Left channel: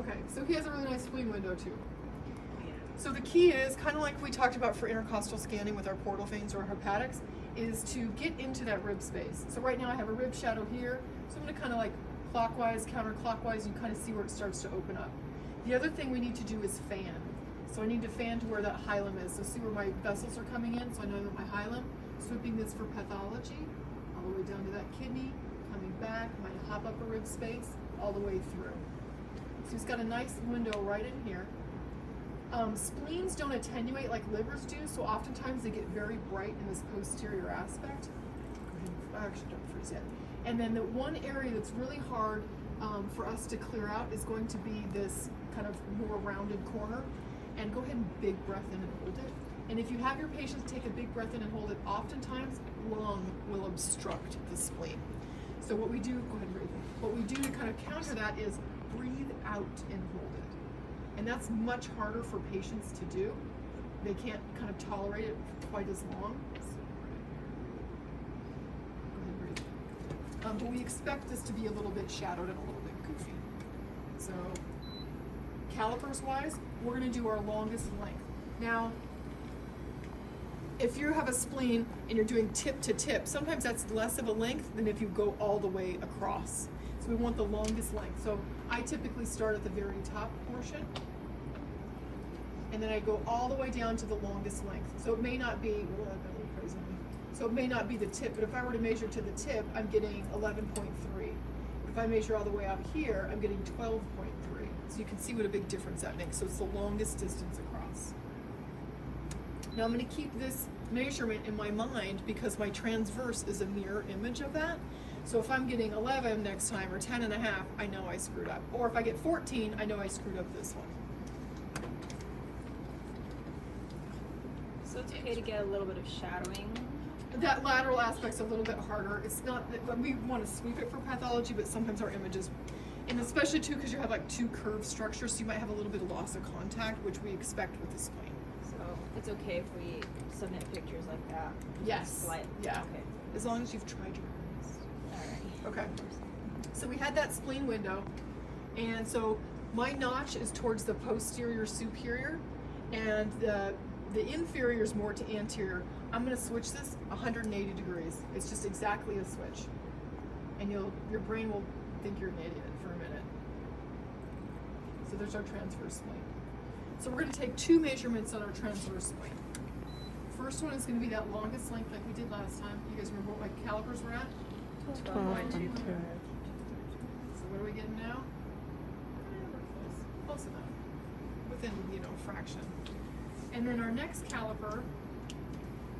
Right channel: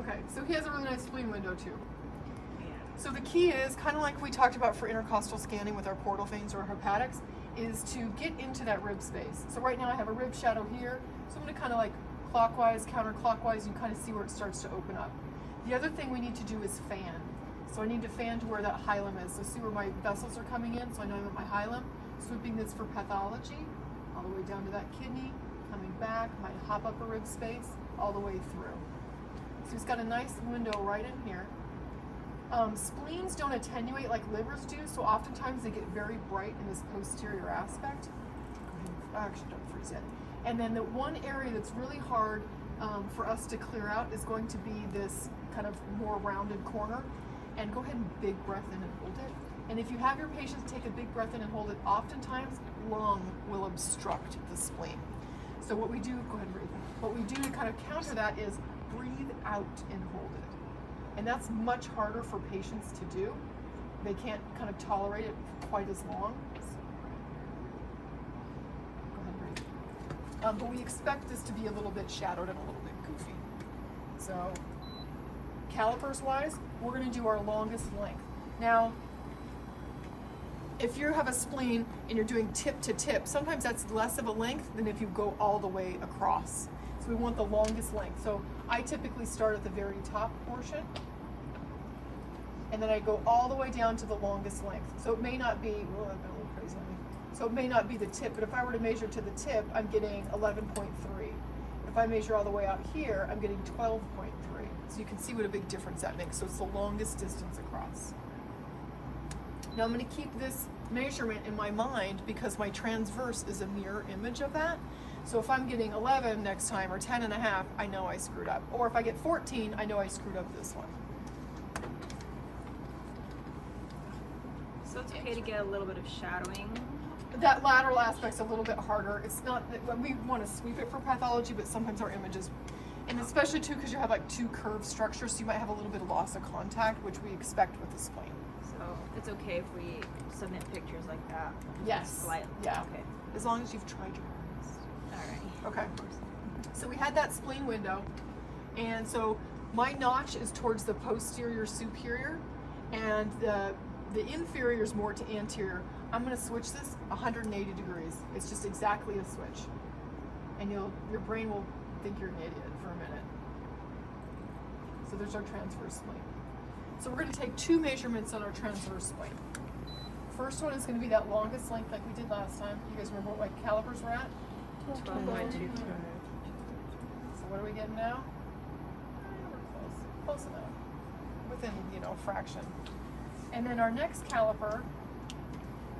Okay, so he has a really nice spleen window too. Yeah. So the key is, kind of like we talked about for intercostal scanning with our portal veins or hepatics, is to get into that rib space. So right now I have a rib shadow here, so I'm gonna kind of like clockwise, counterclockwise, you kind of see where it starts to open up. The other thing we need to do is fan. So I need to fan to where that hilum is. So see where my vessels are coming in, so I know I'm at my hilum. Swooping this for pathology, all the way down to that kidney, coming back, might pop up a rib space, all the way through. So he's got a nice window right in here. Spleens don't attenuate like livers do, so oftentimes they get very bright in this posterior aspect. Actually, don't freeze it. And then the one area that's really hard for us to clear out is going to be this kind of more rounded corner. And go ahead and big breath in and hold it. And if you have your patients take a big breath in and hold it, oftentimes lung will obstruct the spleen. So what we do, go ahead and breathe. What we do to kind of counter that is breathe out and hold it. And that's much harder for patients to do. They can't kind of tolerate it quite as long. Go ahead and breathe. But we expect this to be a little bit shadowed and a little bit goofy. So calipers wise, we're going to do our longest length. Now, if you have a spleen and you're doing tip to tip, sometimes that's less of a length than if you go all the way across. So we want the longest length. So I typically start at the very top portion, and then I go all the way down to the longest length. So it may not be, so it may not be the tip, but if I were to measure to the tip, I'm getting 11.3. If I measure all the way out here, I'm getting 12.3. So you can see what a big difference that makes. So it's the longest distance across. Now I'm going to keep this measurement in my mind because my transverse is a mirror image of that. So if I'm getting 11 next time or 10 and a half, I know I screwed up. Or if I get 14, I know I screwed up this one. So it's okay to get a little bit of shadowing. That lateral aspect's a little bit harder. It's not that when we want to sweep it for pathology, but sometimes our images, and especially too because you have like two curved structures, so you might have a little bit of loss of contact, which we expect with the spleen. So it's okay if we submit pictures like that? Yes. Slightly. Yeah. Okay. As long as you've tried your hardest. All right. Okay. So we had that spleen window, and so my notch is towards the posterior superior, and the inferior is more to anterior. I'm going to switch this 180 degrees. It's just exactly a switch, and your brain will think you're an idiot for a minute. So there's our transverse spleen. So we're going to take two measurements on our transverse spleen. First one is going to be that longest length like we did last time. You guys remember what calipers were at? 12.25. So what are we getting now? Close enough. Within, fraction. And then our next caliper,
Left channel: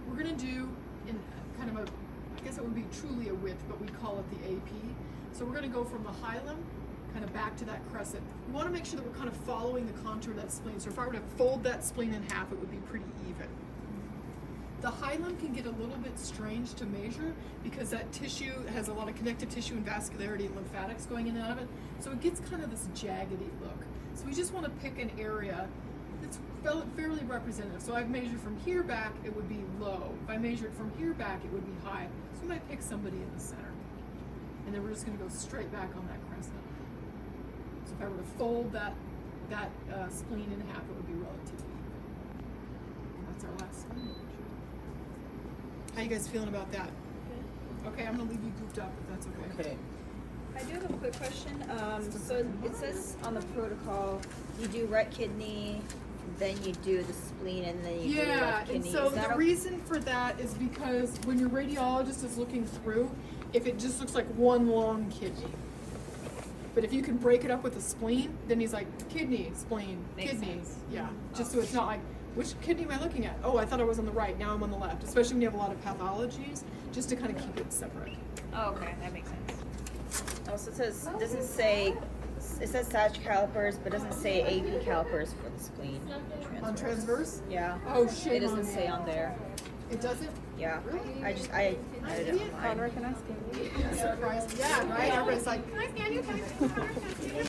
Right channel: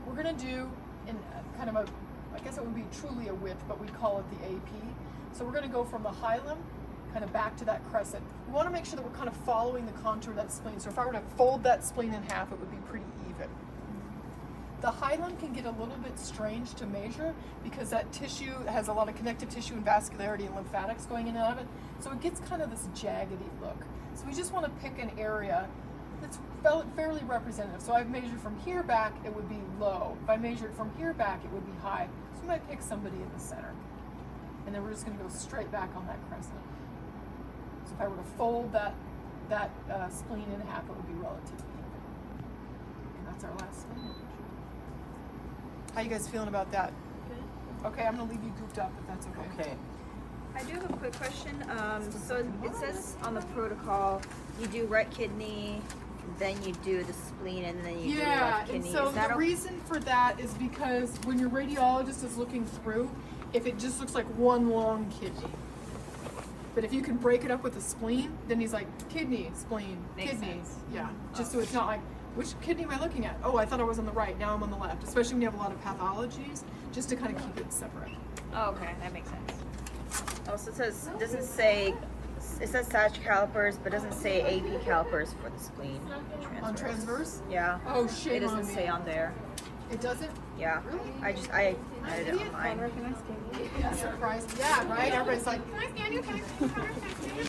we're going to do in kind of a, I guess it would be truly a width, but we call it the AP. So we're going to go from the hilum kind of back to that crescent. We want to make sure that we're kind of following the contour of that spleen. So if I were to fold that spleen in half, it would be pretty even. The hilum can get a little bit strange to measure because that tissue has a lot of connective tissue and vascularity and lymphatics going in and out of it. So it gets kind of this jaggedy look. So we just want to pick an area that's fairly representative. So I've measured from here back, it would be low. If I measured from here back, it would be high. So I'm going to pick somebody in the center. And then we're just going to go straight back on that crescent. So if I were to fold that spleen in half, it would be relatively. And that's our last one. How you guys feeling about that? Okay, I'm going to leave you goofed up if that's okay. Okay. I do have a quick question. So it says on the protocol, you do right kidney, then you do the spleen, and then you do left kidney. And so the reason for that is because when your radiologist is looking through, if it just looks like one long kidney. But if you can break it up with the spleen, then he's like, kidney, spleen, Makes kidney. sense. Yeah, just so it's not like, which kidney am I looking at? Oh, I thought I was on the right, now I'm on the left. Especially when you have a lot of pathologies, just to kind of keep it separate. Oh, okay, that makes sense. Oh, so it says, it says Sag calipers, but doesn't say AP calipers for the spleen. On transverse? Yeah. Oh, shame It doesn't on me. say on there. It doesn't? Yeah. I added it online. Surprise. Yeah, right? Everybody's like, can I stand you? Can I stand you?